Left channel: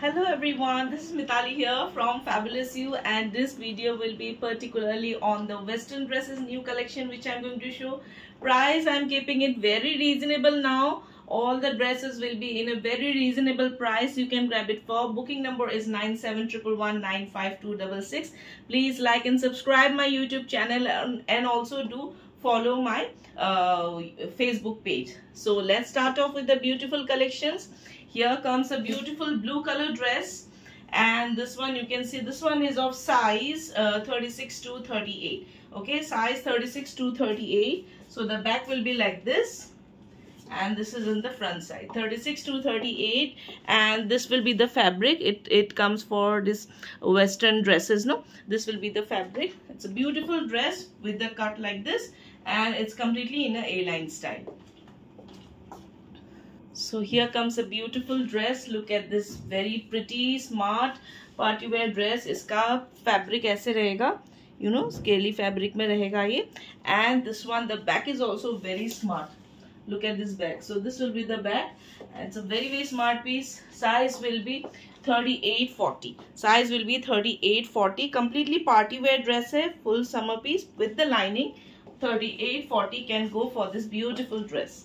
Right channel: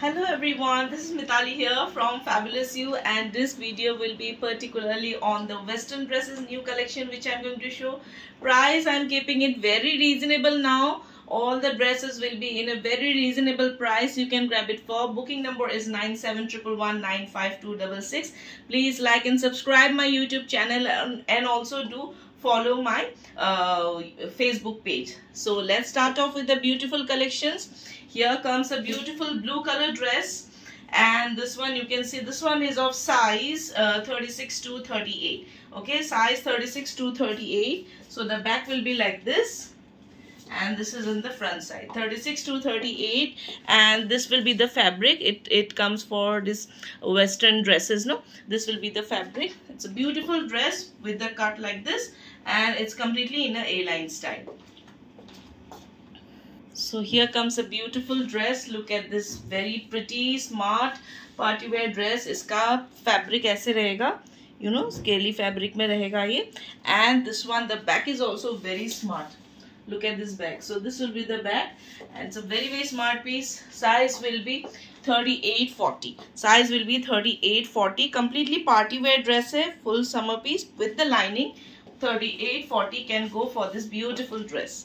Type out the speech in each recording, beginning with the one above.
Hello everyone, this is Mitali here from Fabulous You, and this video will be particularly on the western dresses new collection which I'm going to show. Price I'm keeping it very reasonable now. All the dresses will be in a very reasonable price. You can grab it for. Booking number is 9711152266. Please like and subscribe my YouTube channel and also do follow my Facebook page. So let's start off with the beautiful collections. Here comes a beautiful blue color dress, and this one you can see, this one is of size 36 to 38. Okay, size 36 to 38. So the back will be like this, and this is in the front side 36 to 38, and this will be the fabric. It comes for this western dresses, no, this will be the fabric. It's a beautiful dress with the cut like this, and it's completely in a A-line style. So here comes a beautiful dress. Look at this very pretty smart party wear dress. इसका fabric ऐसे रहेगा, you know, scaly fabric में रहेगा ये. And this one, the back is also very smart. Look at this back. So this will be the back, and it's a very smart piece. Size will be 38-40. Size will be 38-40. Completely party wear dress है, full summer piece with the lining. 38-40 can go for this beautiful dress.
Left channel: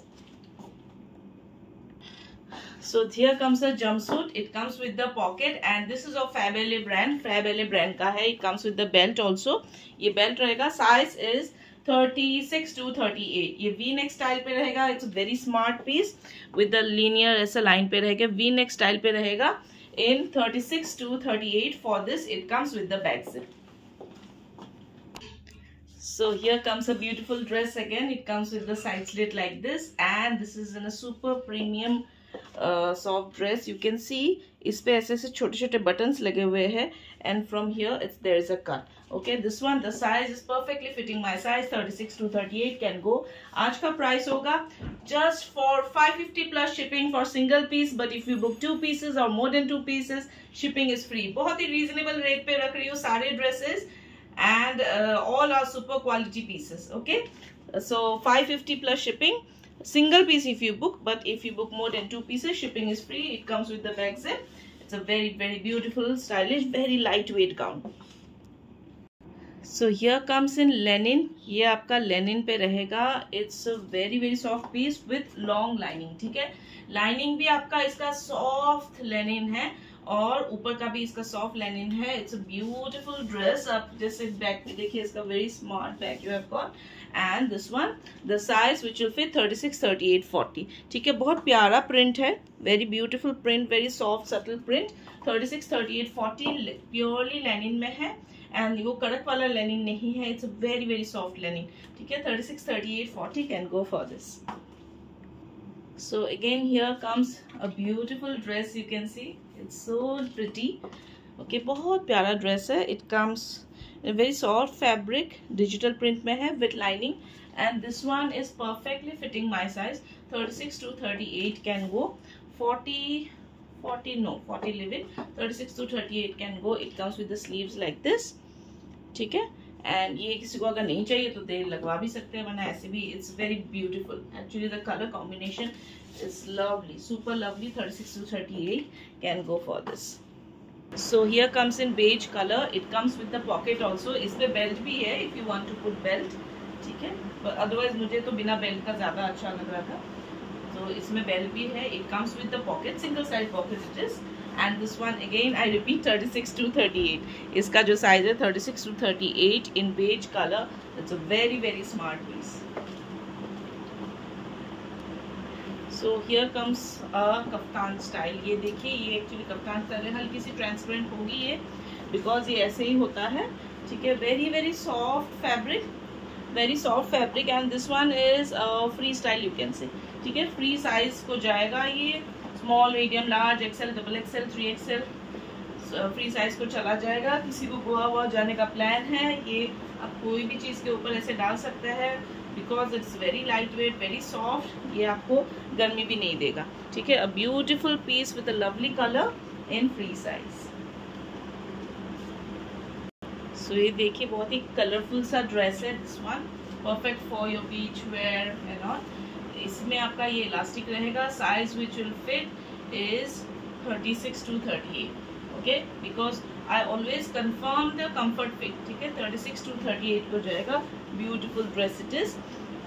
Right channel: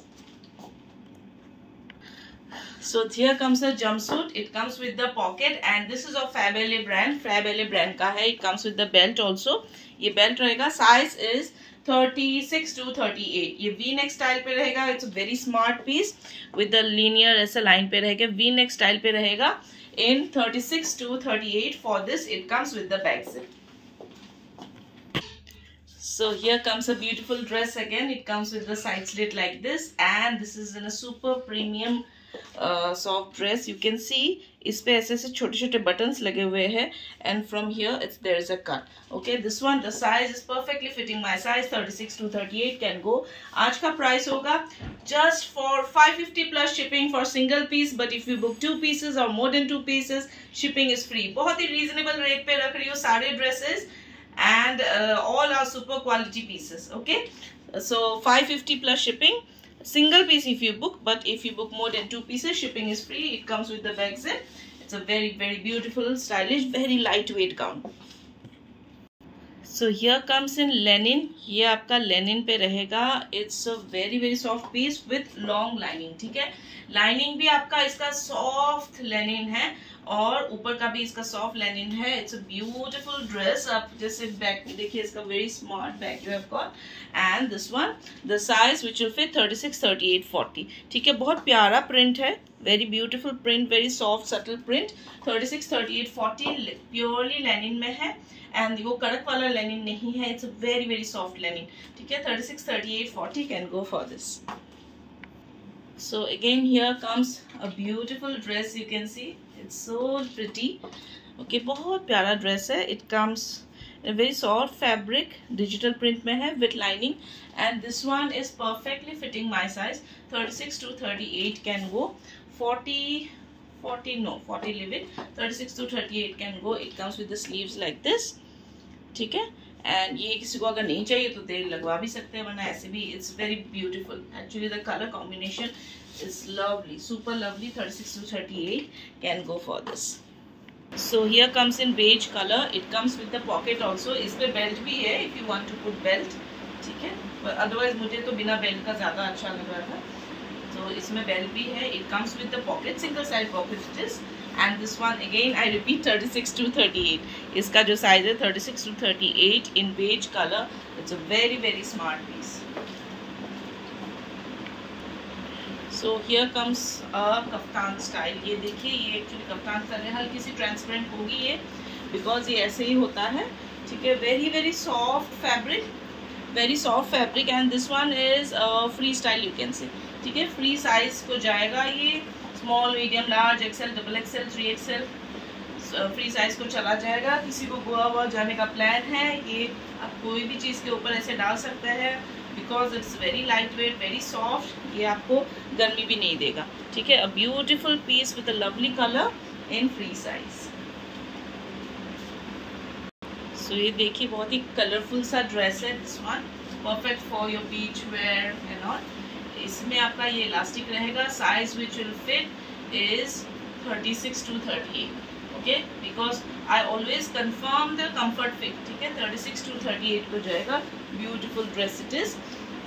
So here comes a jumpsuit. It comes with the pocket, and this is of Fabele brand. Fabele brand का है. It comes with the belt also. ये belt रहेगा. Size is 36 to 38. ये V-neck style पे रहेगा. It's a very smart piece with the linear ऐसे line पे रहेगा. V-neck style पे रहेगा. In 36 to 38. For this, it comes with the back zip. So here comes a beautiful dress again. It comes with the side slit like this, and this is in a super premium soft dress. You can see इस पे ऐसे ऐसे छोटे छोटे buttons लगे हुए हैं, and from here there is a cut. Okay, this one, the size is perfectly fitting my size. 36 to 38 can go. आज का price होगा just for 550 plus shipping for single piece, but if you book 2 pieces or more than 2 pieces, shipping is free. बहुत ही reasonable rate पे रख रही हूँ सारे dresses, and all are super quality pieces. Okay, so 550 plus shipping. Single piece if you book, but if you book more than 2 pieces, shipping is free. It comes with the back zip. It's a very beautiful, stylish, very lightweight gown. So here comes in linen. ये आपका linen पे रहेगा. It's a very soft piece with long lining. ठीक है, lining भी आपका इसका soft linen है, और ऊपर का भी इसका सॉफ्ट लेनिन है. It's a beautiful dress. आप जैसे बैक में देखिए, इसका very smart back you have got. And this one, the size which will fit 36, 38, 40. ठीक है, बहुत प्यारा प्रिंट है, very beautiful print, very soft subtle print. 36, 38, 40 purely Lenin में है, एंड वो कड़क वाला लेनिन नहीं है. It's a very soft Lenin. ठीक है, 36, 38, 40 can go for this. So again here comes a beautiful dress. You can see it's so pretty. Okay, बहुत प्यारा dress है. It comes in a very soft fabric, digital print में है with lining, and this one is perfectly fitting my size. 36 to 38 can go. 40 no, 40 leave it. 36 to 38 can go. It comes with the sleeves like this. ठीक है, and ये किसी को अगर नहीं चाहिए तो देर लगवा भी सकते हैं, वरना ऐसे भी. It's very beautiful. Actually the colour combination is lovely, super lovely. 36 to 38 can go for this. So here comes in beige colour. It comes with the pocket also. इस पे बेल्ट भी है if you want to put belt. ठीक है, otherwise मुझे तो बिना belt का ज़्यादा अच्छा लग रहा था. तो इसमें बेल्ट भी है. It comes with the pocket, single side pocket it is. And this one again I repeat 36 to 38. इसका जो size है 36 to 38 in beige color. It's a very smart piece. So here comes a kaftan style. ये देखिए, ये actually kaftan style है. हल्की सी transparent होगी ये, because ये ऐसे ही होता है. ठीक है, very soft fabric, very soft fabric, and this one is free style you can say. ठीक है, free size को जाएगा ये. Small, medium, large, XL, double XL, 3XL free size को चला जाएगा. किसी को गोवा हुआ जाने का प्लान है, ये आप कोई भी चीज़ के ऊपर ऐसे डाल सकते हैं, because it's very light weight, very soft. ये आपको गर्मी भी नहीं देगा. ठीक है, a beautiful piece with a lovely colour in free size. So ये देखिए, बहुत ही कलरफुल सा ड्रेस है. This one perfect for your beach wear and all. इसमें आपका ये इलास्टिक रहेगा. Size which will fit is 36 to 38. Okay, because I always confirm the comfort fit. ठीक है, 36 टू 38 को जाएगा. Beautiful dress it is.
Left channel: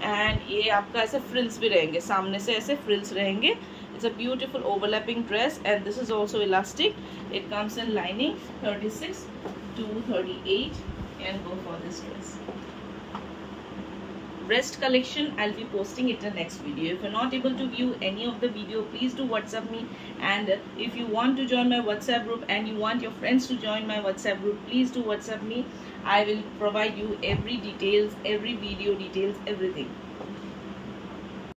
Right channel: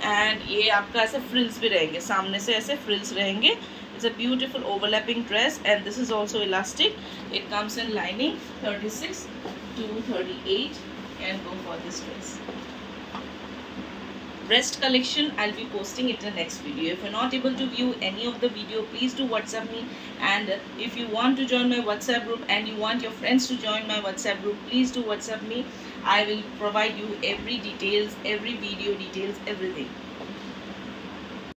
And ये आपका ऐसे फ्रिल्स भी रहेंगे, सामने से ऐसे फ्रिल्स रहेंगे. It's a beautiful overlapping dress and this is also elastic. It comes in lining. 36 to 38 can go for this dress. Rest collection I'll be posting it in the next video. If you're not able to view any of the video, please do WhatsApp me. And if you want to join my WhatsApp group and you want your friends to join my WhatsApp group, please do WhatsApp me. I will provide you every details, every video details, everything.